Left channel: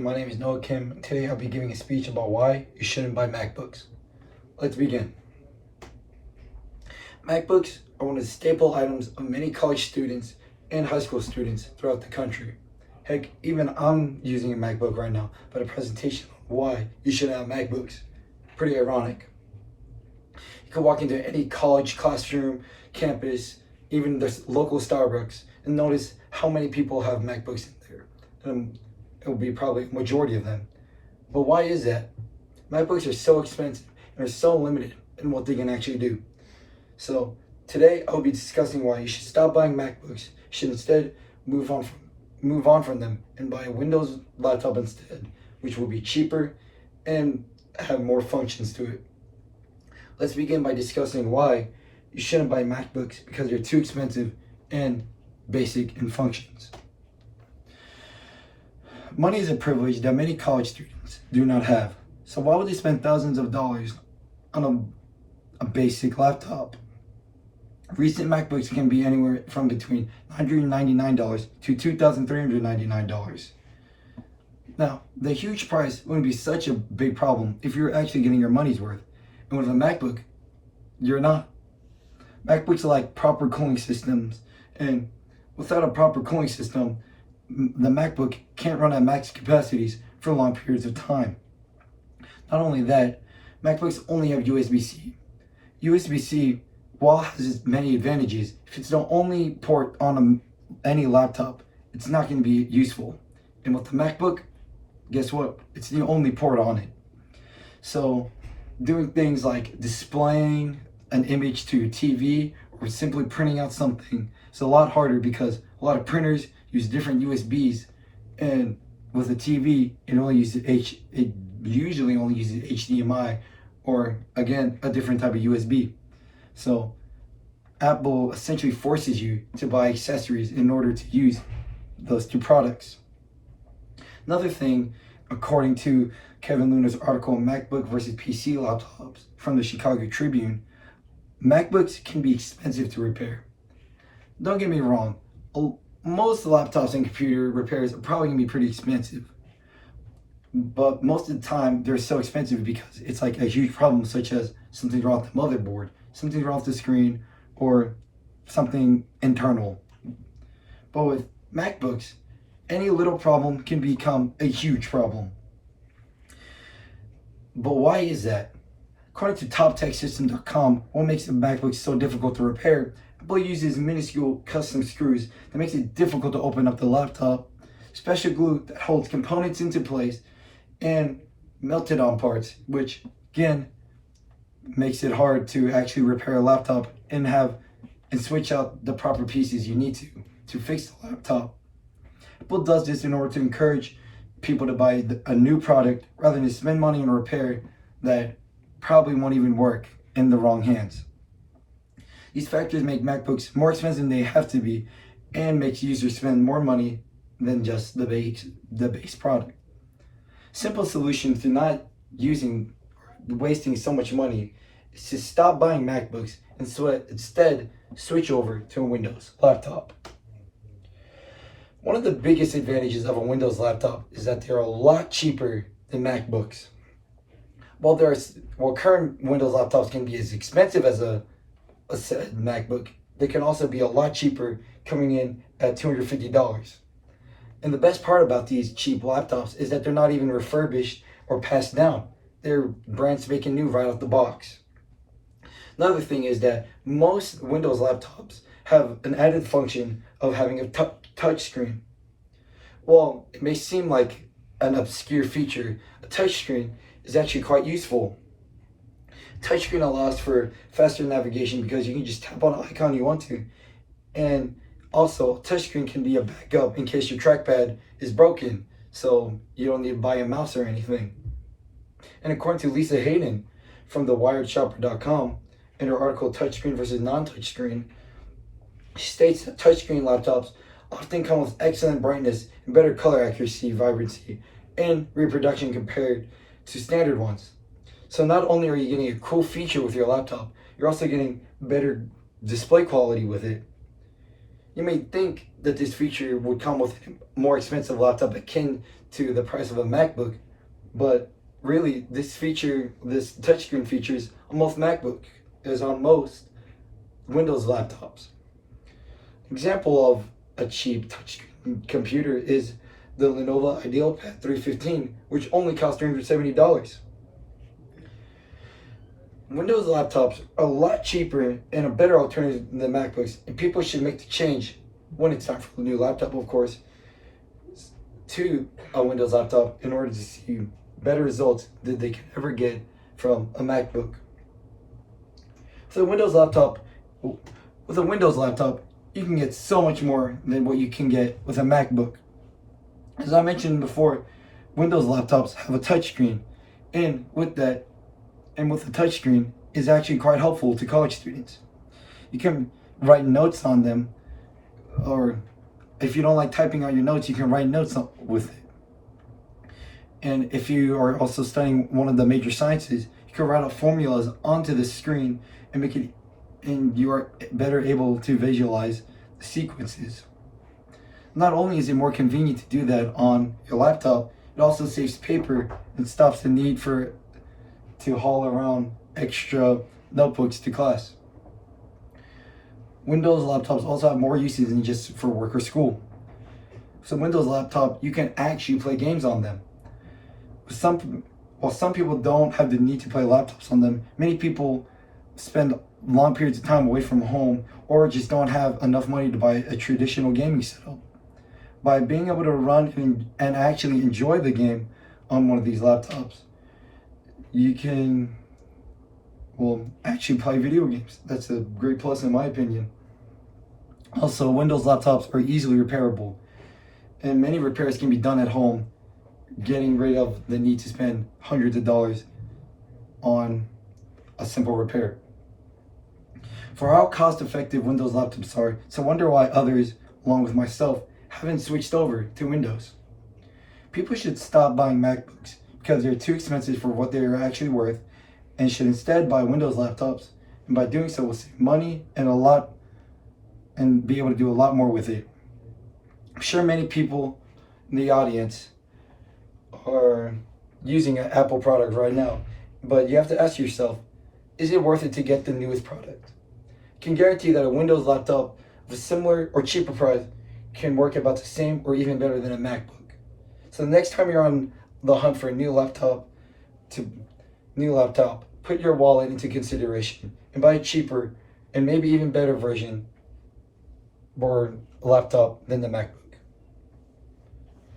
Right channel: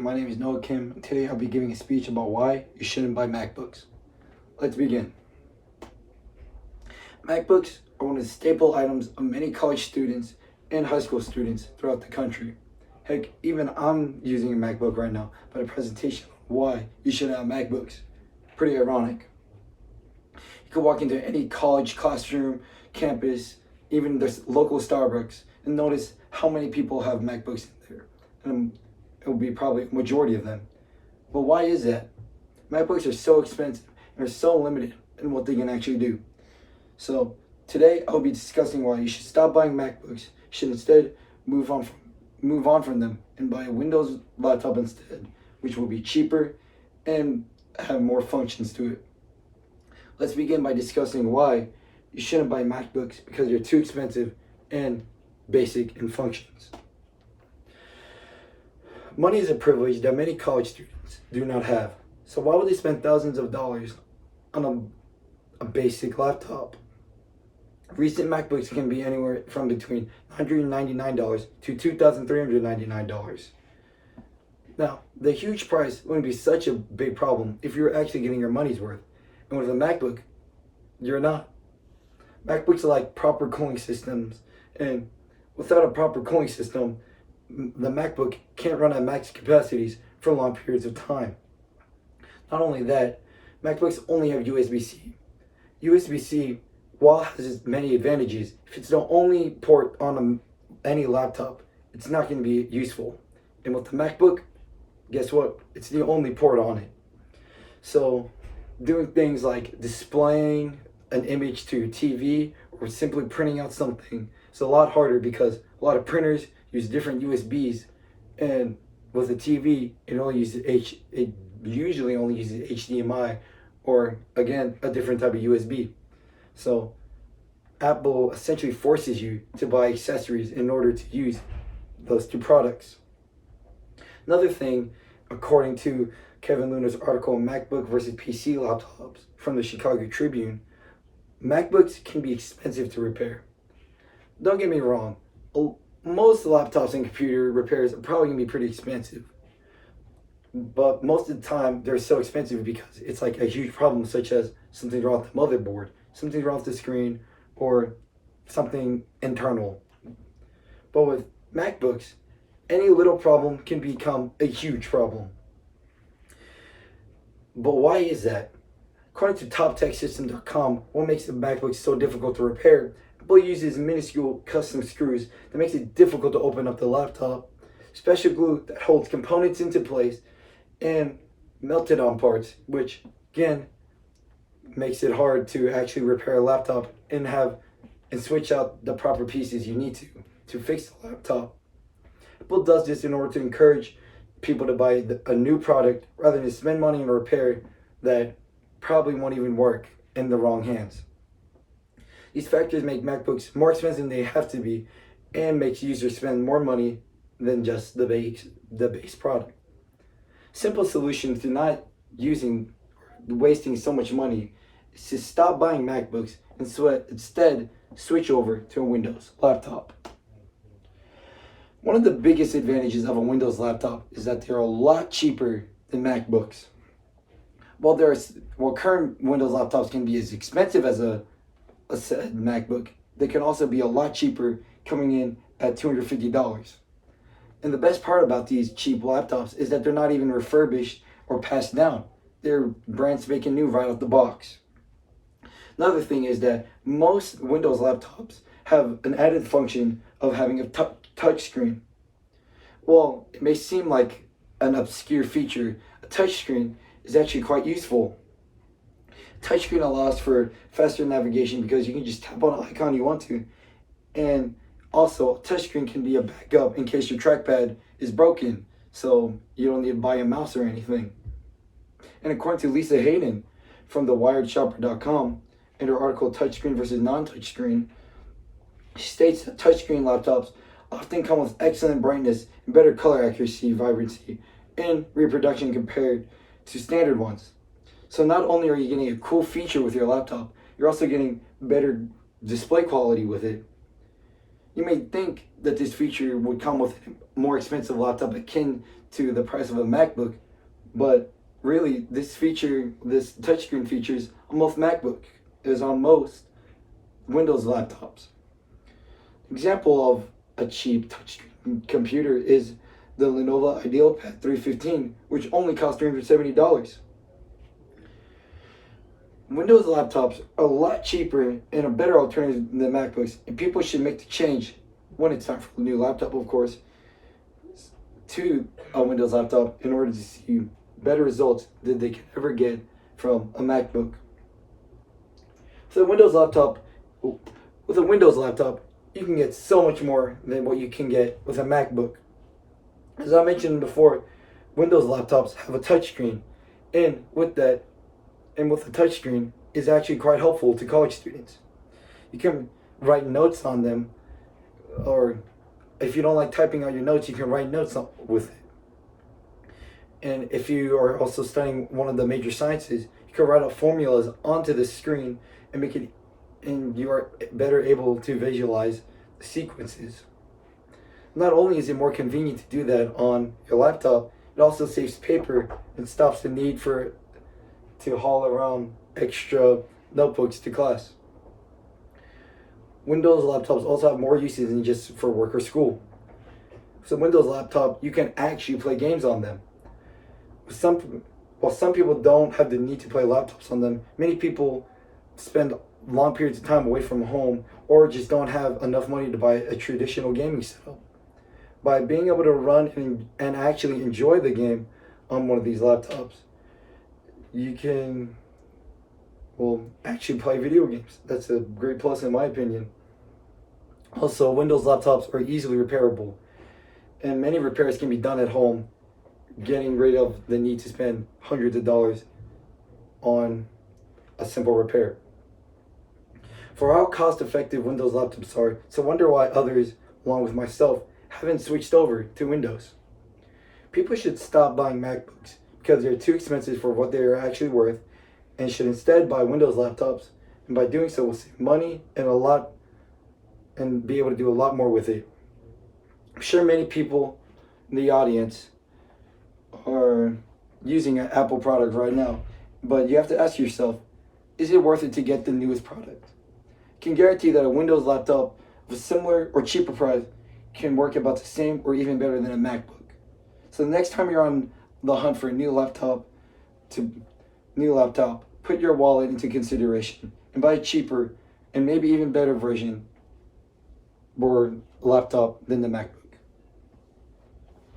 My name is Noah Kim. Today I'll be giving a speech about why you shouldn't buy MacBooks. Let's begin. MacBooks are one of the staple items of many college students and high school students throughout the country. Heck, even I'm using a MacBook right now, but a presentation on why you should have MacBooks. Pretty ironic. You could walk into any college classroom, campus, even the local Starbucks, and notice how many people have MacBooks in there. And it will be probably a majority of them. But why is that? MacBooks are so expensive and are so limited in what they can actually do. So today I'll be discussing why you should stop buying MacBooks. You should instead move on from them and buy a Windows laptop instead, which will be cheaper and have more functions to it. Let's begin by discussing why you shouldn't buy MacBooks because they're too expensive and basic in functions. Money is a privilege that many college students do not have. So why would they spend thousands of dollars on a basic laptop? Recent MacBooks can be anywhere from between $199 to $2,399. Now, the huge price wouldn't be such a big problem if you're actually getting your money's worth. And with a MacBook, you're not. MacBooks are like proper cooling systems, and without a proper cooling system, the MacBook can't run at max capacities for long periods of time. Not only that, MacBooks only have USB-C. USB-C, while has its many advantages, if it's the only port on any laptop, it's not going to be useful. And with the MacBook, guess what? It's the only port on it. So doing things like displaying an image to your TV or simply printing out something is a lot harder because a lot of printers use different USBs, and with a TV, it usually only uses HDMI or again a different type of USB. So Apple essentially forces you to buy accessories in order to use those two products. Another thing, according to Kevin Luna's article, MacBook versus PC laptops from the Chicago Tribune, MacBooks can be expensive to repair. Don't get me wrong, most laptops and computer repairs are probably going to be pretty expensive. But most of the time, they're so expensive because it's like a huge problem, such as something wrong with the motherboard, something wrong with the screen, or something internal. But with MacBooks, any little problem can become a huge problem. But why is that? According to TopTechSystem.com, what makes the MacBook so difficult to repair? Apple uses minuscule custom screws that makes it difficult to open up the laptop, special glue that holds components into place, and melted on parts, which again makes it hard to actually repair a laptop and switch out the proper pieces you need to fix the laptop. Apple does this in order to encourage people to buy a new product rather than spend money on a repair that probably won't even work in the wrong hands. These factors make MacBooks more expensive than they have to be and makes users spend more money than just the base product. Simple solution to not wasting so much money is to stop buying MacBooks and instead switch over to a Windows laptop. One of the biggest advantages of a Windows laptop is that they're a lot cheaper than MacBooks. While current Windows laptops can be as expensive as a said MacBook, they can also be a lot cheaper, coming in at $250. And the best part about these cheap laptops is that they're not even refurbished or passed down. They're brand spanking new right out the box. Another thing is that most Windows laptops have an added function of having a touch screen. Well, it may seem like an obscure feature. A touch screen is actually quite useful. Touchscreen allows for faster navigation because you can just tap on an icon you want to. And also, touchscreen can be a backup in case your trackpad is broken, so you don't need to buy a mouse or anything. And according to Lisa Hayden from thewiredshopper.com, in her article Touchscreen versus Non-Touchscreen, she states that touchscreen laptops often come with excellent brightness and better color accuracy, vibrancy, and reproduction compared to standard ones. So not only are you getting a cool feature with your laptop, you're also getting better display quality with it. You may think that this feature would come with a more expensive laptop akin to the price of a MacBook, but really this touchscreen features on most MacBook is on most Windows laptops. Example of a cheap touchscreen computer is the Lenovo IdealPad 315, which only costs $370. Windows laptops are a lot cheaper and a better alternative than MacBooks, and people should make the change when it's time for a new laptop, of course, to a Windows laptop in order to see better results than they can ever get from a MacBook. With a Windows laptop, you can get so much more than what you can get with a MacBook. As I mentioned before, Windows laptops have a touchscreen, and with the touchscreen is actually quite helpful to college students. You can write notes on them, or if you don't like typing out your notes, you can write notes with it. And if you are also studying one of the major sciences, you can write out formulas onto the screen and you are better able to visualize the sequences. Not only is it more convenient to do that on your laptop, it also saves paper and stops the need to haul around extra notebooks to class. Windows laptops also have more uses than just for work or school. So Windows laptop, you can actually play games on them. While some people don't have the need to play laptops on them, many people spend long periods of time away from home or just don't have enough money to buy a traditional gaming setup. By being able to run and actually enjoy the game on one of these laptops, you can actually play video games. That's a great plus in my opinion. Also, Windows laptops are easily repairable, and many repairs can be done at home, getting rid of the need to spend hundreds of dollars on a simple repair. For how cost-effective Windows laptops are, it's a wonder why others, along with myself, haven't switched over to Windows. People should stop buying MacBooks because they're too expensive for what they are actually worth, and should instead buy Windows laptops, and by doing so will save money and be able to do a lot more with it. I'm sure many people in the audience are using an Apple product right now, but you have to ask yourself, is it worth it to get the newest product? I can guarantee that a Windows laptop of a similar or cheaper price can work about the same or even better than a MacBook. So the next time you're on the hunt for a new laptop, put your wallet into consideration and buy a cheaper and maybe even better version or laptop than the MacBook.